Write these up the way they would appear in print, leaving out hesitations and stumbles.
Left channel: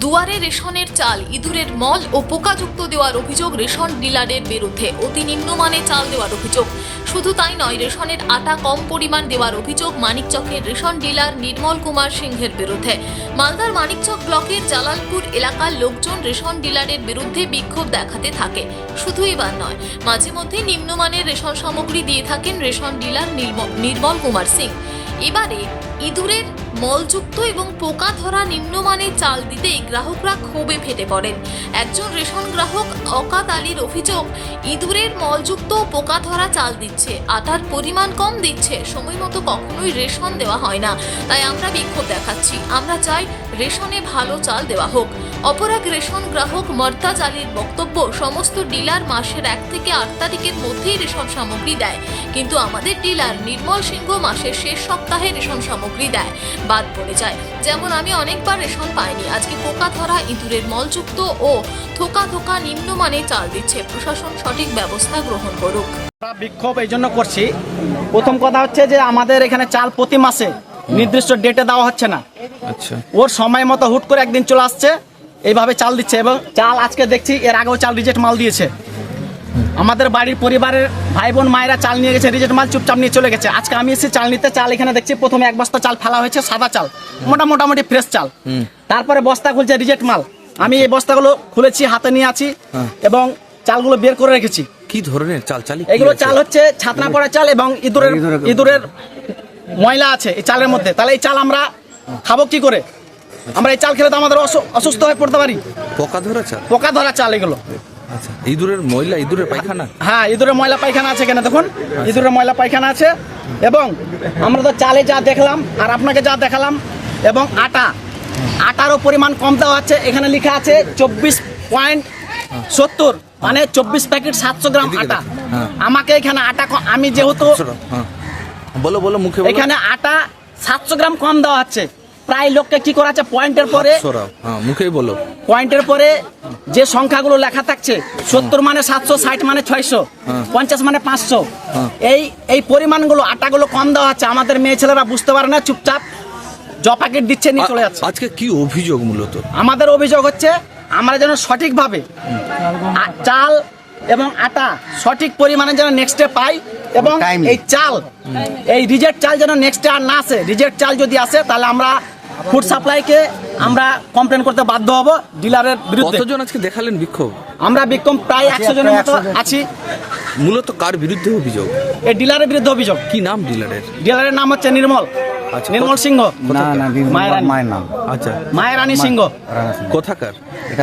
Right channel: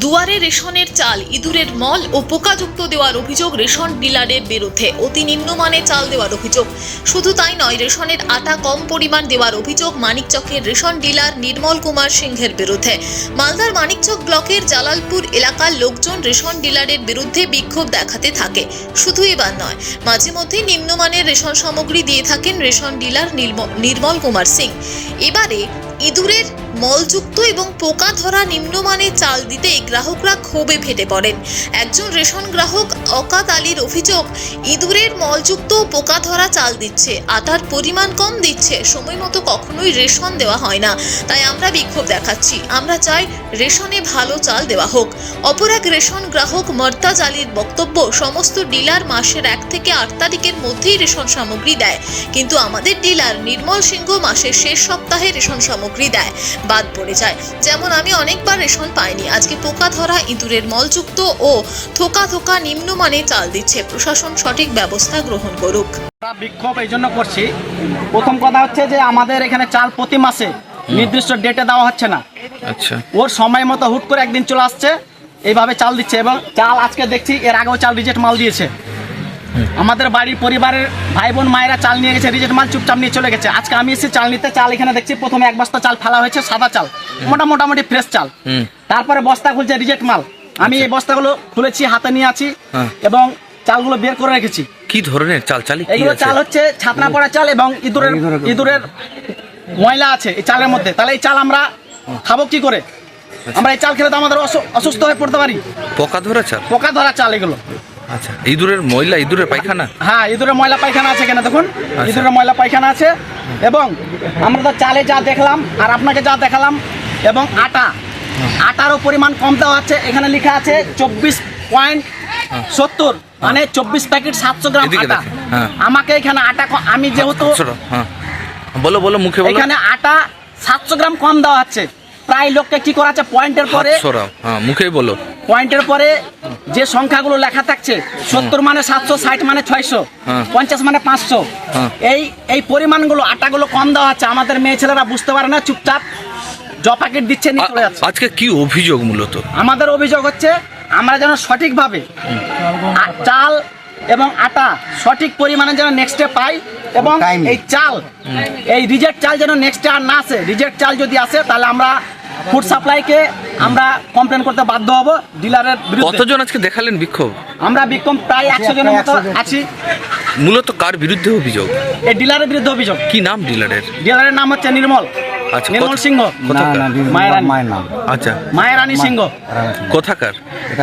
দুয়ারে রেশনের চাল ইঁদুরের মল ও পোকাযুক্ত দেওয়ার অভিযোগ রেশন ডিলারের বিরুদ্ধে। অতি নিম্নমানে চাল দেওয়ার অভিযোগ। শুধু তাই নয়, রেশনের আটা কম পরিমাণ দেওয়ার অভিযোগ মানিকচকের রেশন ডিলার নির্মল কুমার সিংহের বিরুদ্ধে। মালদার মানিকচক ব্লকের জালালপুর এলাকার লোকজন রেশন ডিলারের বিরুদ্ধে বিক্ষোভ দেখাতে থাকে। শুধু এবার নয়, মাঝে মধ্যে নিম্নমানের রেশন সামগ্রী দিয়ে থাকেন রেশন ডিলার নির্মল কুমার সিং। এবারে ইঁদুরের মলযুক্ত এবং পোকা ধরা নিম্নমানের চাল দিতে গ্রাহকরা ক্ষোভে ফেটে পড়েন। একজন রেশন গ্রাহক অকাত আলীর অভিযোগ, ইঁদুরের মলযুক্ত পোকা ধরা চাল দিচ্ছে, আটার পরিমাণ কম দিচ্ছে, সময় মতো কখনোই রেশন দেওয়া হয় না। তাই আমরা বিক্ষোভ দেখাচ্ছি। আমরা চাই রেশনে ভালো চাল দেওয়া হোক। অপর এক রেশন গ্রাহক মর্তাজ আলীর বক্তব্য, সমস্ত ডিলার মাসের 1 থেকে 8 তারিখের মধ্যেই রেশন সামগ্রী দেয়, কিন্তু আমাদের ডিলার নির্মল সিংহ মাসের শেষ সপ্তাহে রেশন সামগ্রী দেয়, বাদ পড়ে যায়। যেমন আমি অনেকবার রেশন পাইনি। আজকে পোকা ধরা ইঁদুরের মলযুক্ত ও থোকা থোকা নিম্নমানে চাল দিচ্ছে। প্রশাসন সঠিক ব্যবস্থা গ্রহণ করুক। আমরা বিক্ষোভ এই জন্য করছি, প্রথম কথা হচ্ছে যে আমাদের এখানে চাল প্রতি মাসে নির্দিষ্ট ডেটে দেওয়া হচ্ছে না। আচ্ছা, ওর সময় মতো হুট করে একদিন চলে আসছে, এইভাবে চাল দিচ্ছে। এবং চাল আজকে দেখছি এর আগেও চাল রিজেক্ট মাল দিয়েছে। আমাদের বাড়ির পরিবারের ভাই বোন মায়েরা চাল নিয়ে গেছে, রিজেক্ট মাল চুপচাপ নিয়ে চলে গেছে। আজকে আমি এসে চাল নিতে, চাল এখানে দেখছি প্রথমে 1 বস্তা চাল ফেলা হয়েছে, সাদা চাল, মোটামুটি ফ্রেশ চাল। তারপরে বস্তা খুলছে রিজেক্ট মাল। আমি এই বস্তাগুলো খুলেছি, হাতে নিয়ে আছি এবং চালগুলো বের করে রেখেছি। কি ধরনের চাল? এগুলো চাল হচ্ছে ছাতনা পড়া চাল এবং ইঁদুরের ময়লা আছে এই চালের মধ্যে। তাহলে এই চাল আমরা খাবো কি করে? আমরা এই চাল খেলে তো আমাদের অসুস্থ হয়ে পড়তে পারি। পোকা ধরা চাল? পোকা ধরা চাল এগুলো। আচ্ছা, ইঁদুরের ময়লা, ইঁদুরের পায়খানা? হ্যাঁ, ইঁদুরের ময়লা পায়খানা আছে কেন দেখুন, ইঁদুরের ময়লা পায়খানা আছে। এবং আমরা তো চালে যা দেখলাম আর আপনাকে যা দেখালাম, এবং আটারও পরিমাণ কম দেওয়া আছে। এখানে লেখা আছে 24.70, মানে 24 প্যাকেট 700 গ্রাম আটা। আমাকে এখানে আটা আমি যেহেতু বলো মুখে বলো, এখানে আটা 700 গ্রাম কম দেওয়া হচ্ছে। প্রায় লোকটা কি করাচ্ছে, পয়েন্টের পরে মুখেই বলো, পয়েন্টের পরে যে সংখ্যাগুলো লেখা থাকছে, 70 মানে 700, 60 মানে 600, 50 মানে 500, এই পরিমাণগুলো আটাগুলো কম দেওয়া হচ্ছে। আমাদের মেয়ে ছেলেরা বুঝতে পারে না, চুপচাপ জ প্যাকেট দিচ্ছে, নিয়ে চলে যাচ্ছে। আজকে কি অভিযোগ? মূলত আমাদের অভিযোগ হচ্ছে আমরা যেন সঠিকভাবে চাল এবং আটা সঠিক পরিমাণে যেন নেক্সটে পাই, এবং এই চাল, এই রিজেক্ট চাল যেন নেক্সটে আর না আসে। রিজেক্ট চাল যদি আসে তাহলে আমরা ফুড সাপ্লাইকে আমরা কমপ্লেন করতে বাধ্য হব ডিলারের বিরুদ্ধে। কতজন আজকে দেখালেন বিক্ষোভ? আমরা বিক্ষোভ প্রায় 100 জনের মতো আছি। মূলত কার বিরুদ্ধে অভিযোগ? এই ডিলারের বিরুদ্ধে অভিযোগ। কি নাম ডিলারের? ডিলারের নাম হচ্ছে নির্মল। আচ্ছা, নির্মল সিংহ। মায়ের নাম? আচ্ছা, মায়েরানী সিংহ। কোথাকার?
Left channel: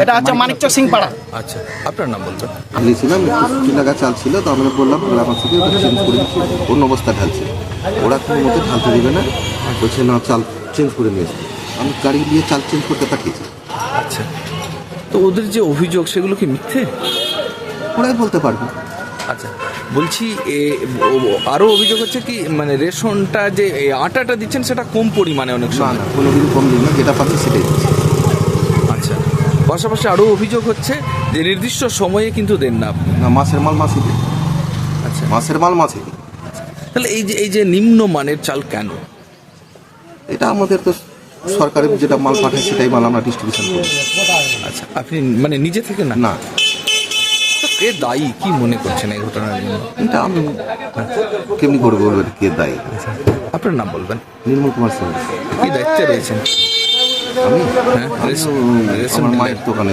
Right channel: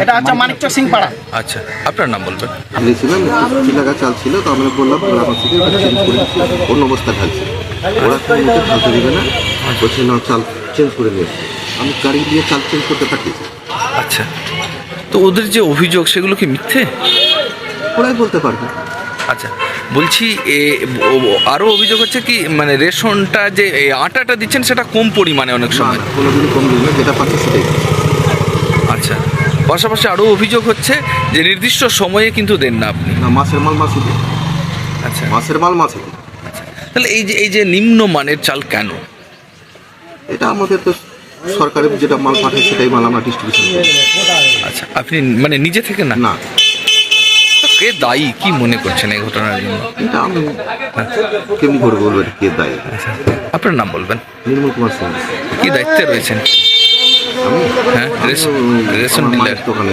এটা হচ্ছে মানিকচক সিং পাড়া। আচ্ছা, আপনার নাম বলবেন। দিয়েছিলাম, চিলাগা চাল ছিল, তো আমরা বললাম আমার থেকে চেঞ্জ করে অন্য অবস্থা ঢালছে। ওরা কোনো মতো ঢালতে দেবে না, বলছে না চাল চেঞ্জ করে নিয়ে আসবে। আমি গাড়ি দিয়ে চাল চেঞ্জ করতে পাঠিয়েছি। আচ্ছা, তো ওদের যে অভিযোগ সেগুলো কি মিথ্যে? ওরাই বলতে পারবে। আচ্ছা, বলছি আরও অভিযোগ হচ্ছে কি, মানে রেশনটা যে আটাটা দিচ্ছেন সেটা কম পরিমাণে অনেক সময়। কোনোদিনও কম দিন না, যেটা পাচ্ছে সেটাই। আচ্ছা, পাশাপাশি আরও অভিযোগ হচ্ছে যে নির্দিষ্ট সময়ে কিন্তু দেন না আপনি। না, মাসের মাল মাসে দিন। আচ্ছা, মাসের মাল মাসে দিন। আচ্ছা, তাহলে এই যে নিম্নমানের চাল কেন? এটা আমাদের তো সরকারের যেটা মাল পাঠায় সেটাই মাল আমরা ডিস্ট্রিবিউশন করি। আচ্ছা, আপনি মানে নিজে থেকে না? না। কে দায়ী, কি মনে করছেন এই ঘটনার জন্য? এটা আমি কেমনি করে বলবো কে দায়ী। আপনার নাম বলবেন। নির্মল কুমার সিং। কি দায়িত্বে রয়েছেন? আমি হ্যাঁ, রেশন ডিলার। দোকানে